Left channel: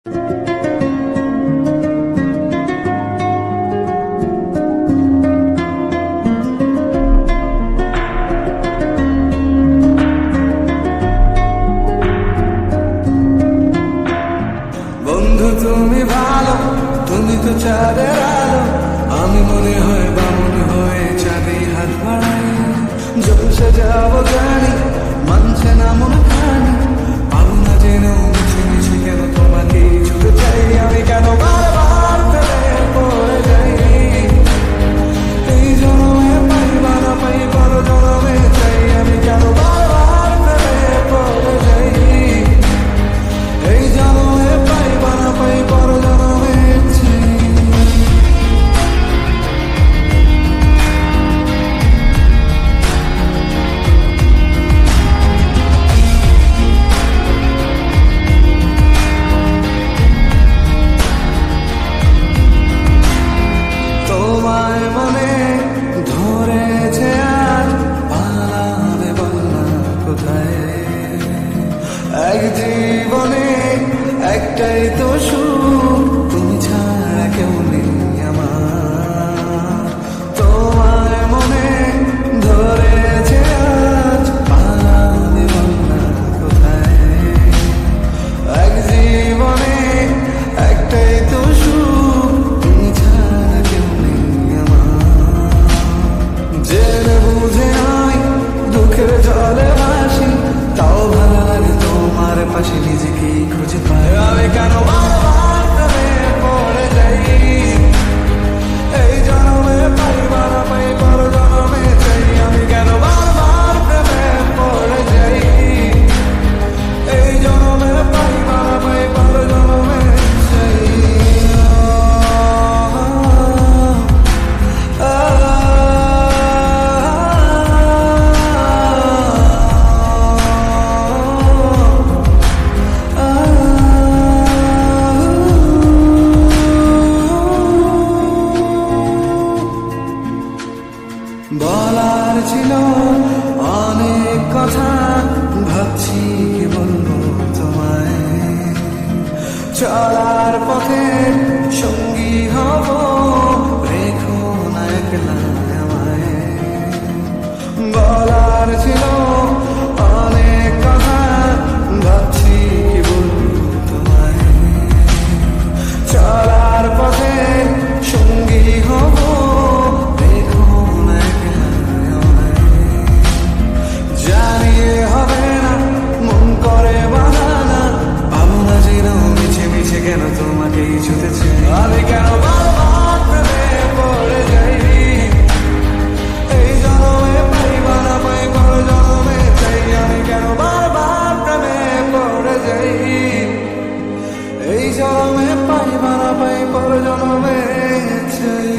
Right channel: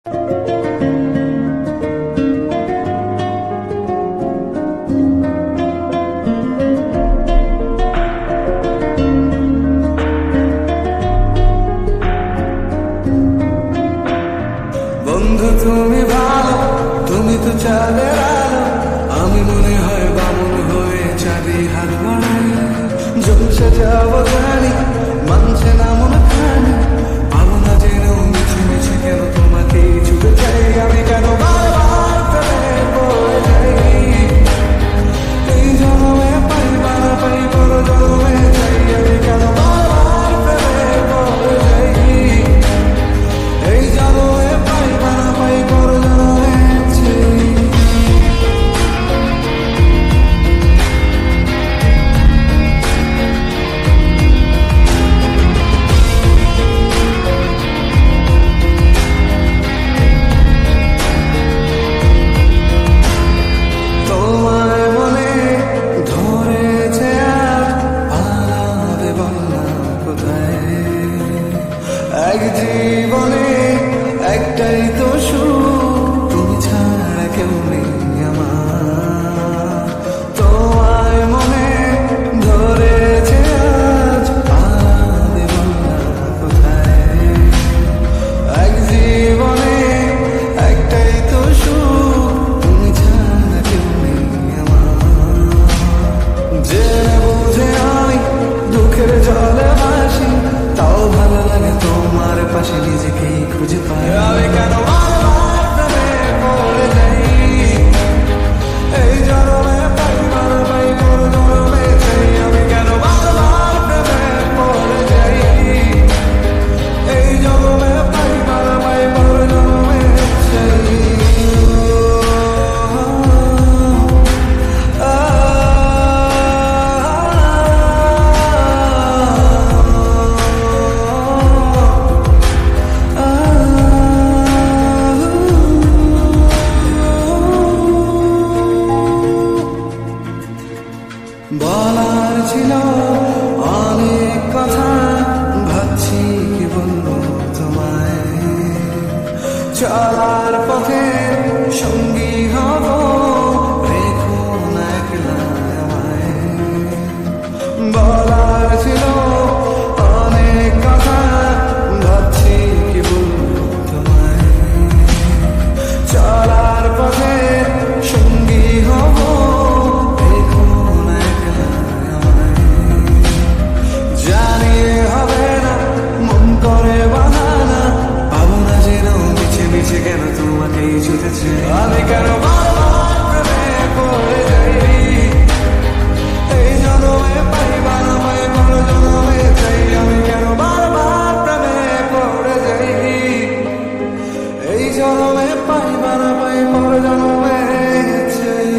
বন্ধু তুমি ভালো, তুমি তো চাঁদের আলো। আমি মনে হয় বামন হয়ে চাঁদে হাত বাড়াই। যখন সে যাবো জানি, মানছে না মন খানি। পাবো না জেনেও মিছে মিছে কেন তোমাকে ছুটে চাই। আমি কেন বারবার ফেলে পড়ে যাই। এই জন্মে পাই বা না পাই, পর জন্মে চাই। আমি কেন বারবার ফেলে পড়ে যাই। এই জন্মে পাই বা না পাই, পর জন্মে চাই। তোমায় মনে ধরেছে আজ, পালাবে বলনা কোথায়। এক জীবনে একটাই তো সুখ, তুমি ছাড়া কেউ নেই আমার। তোমায় মনে ধরেছে আজ, পালাবে বলনা কোথায়। এক জীবনে একটাই তো সুখ, তুমি ছাড়া কেউ নেই আমার। জেনে বুঝে আমি দুঃখের জলে ভাসি, তাও ভালো লাগে তোমার পাশে নিজেকেই খুঁজে পাই। আমি কেন বারবার প্রেমে পড়ে যাই। এই জন্মে পাই বা না পাই, পর জন্মে চাই। আমি কেন বারবার প্রেমে পড়ে যাই। এই জন্মে পাই বা না পাই, পর জন্মে চাই। বলার ছিল অনেক কথা, ভাবছি কি বলবো তোমায়। চলার পথে সঙ্গী হব, রেখো না একলা আমায়। বলার ছিল অনেক কথা, ভাবছি কি বলবো তোমায়। চলার পথে সঙ্গী হব, জানিয়ে হবে না মন করে বাহানা। পাবো না জেনেও মিছে মিছে কেন তোমাকেই ছুটেছে। আমি কেন বারবার প্রেমে পড়ে যাই। এই জন্মে পাই বা না পাই, পর জন্মে চাই। আমি কেন বারবার প্রেমে পড়ে যাই। এই জন্মে পাই বা না পাই, পর জন্মে চাই।